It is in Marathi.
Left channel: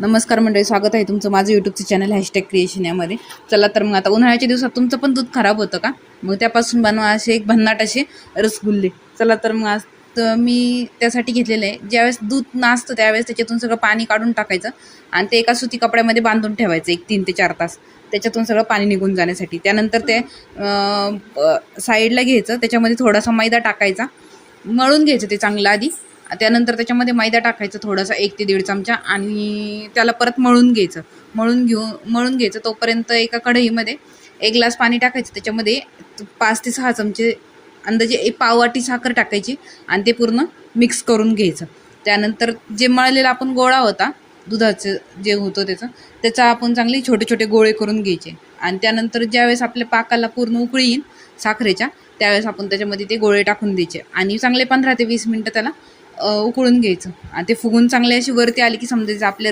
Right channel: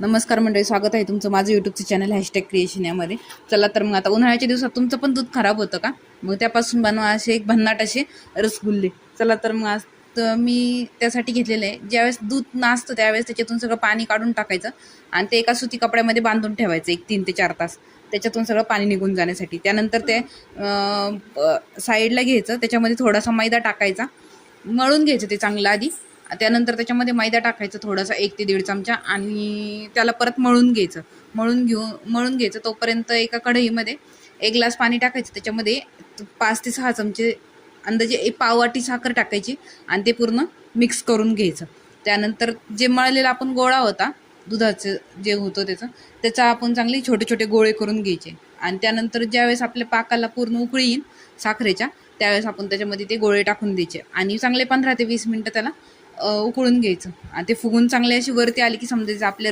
नमस्कार मंडळी, स्वागत आहे तुमचं माझं यूट्यूबचं चॅनल #क्रिएशन यामध्ये. चला तर मग आता उन्हाळ्याच्या दिवसात तुमचं पण दूध खराब होतं का? मग त्यापासून बनवा असे एक भन्नाट असे रसगुल्ले. चला तर मग आज तर मी त्यासाठी घेतलेलं आहे. ज्यावेळेस दूध नासतं त्यावेळेस त्याच्यातून सगळं पाणी काढून टाकायचं आणि ते एका सुती कपड्यामध्ये बांधून ठेवायचं 3 ते 4 तास त्याच्यातून सगळं पाणी निघून जाण्यासाठी. त्यानंतर ते साईडला घ्यायचं, त्याच्यामध्ये थोडासा मैदा टाकायचा, मळून घ्यायचं ते चांगलं आधी. त्यानंतर त्याच्यामध्ये मैदा टाकायचं थोडासा 1 ते 1.5 चमचा आणि त्याला परत मळून घ्यायचं. तोपर्यंत एका कढईमध्ये 1 ग्लास पाणी टाकायचं, त्याच्यामध्ये 5 ते 6 चमचे अंदाजे 1 पाववाटी साखर टाकायची आणि ते पूर्ण मिक्स करून घ्यायचं. त्यानंतर जे मळलेला आपण गोळा होता दुधाचं जे होतं त्याचा आपण चांगले छोटे छोटे गोळे करून घ्यायचे आणि त्यानंतर ज्यावेळेस आपल्या पाकाला पूर्ण उकळी येईल साखरेच्या त्यावेळेस आपण त्याच्यामध्ये ते गोळे टाकून द्यायचे आणि चांगले 15 ते 20 मिनटं त्याला उकळून घ्यायचं आणि ते फुगून चांगले अशी वरती आली की समजायचं आपले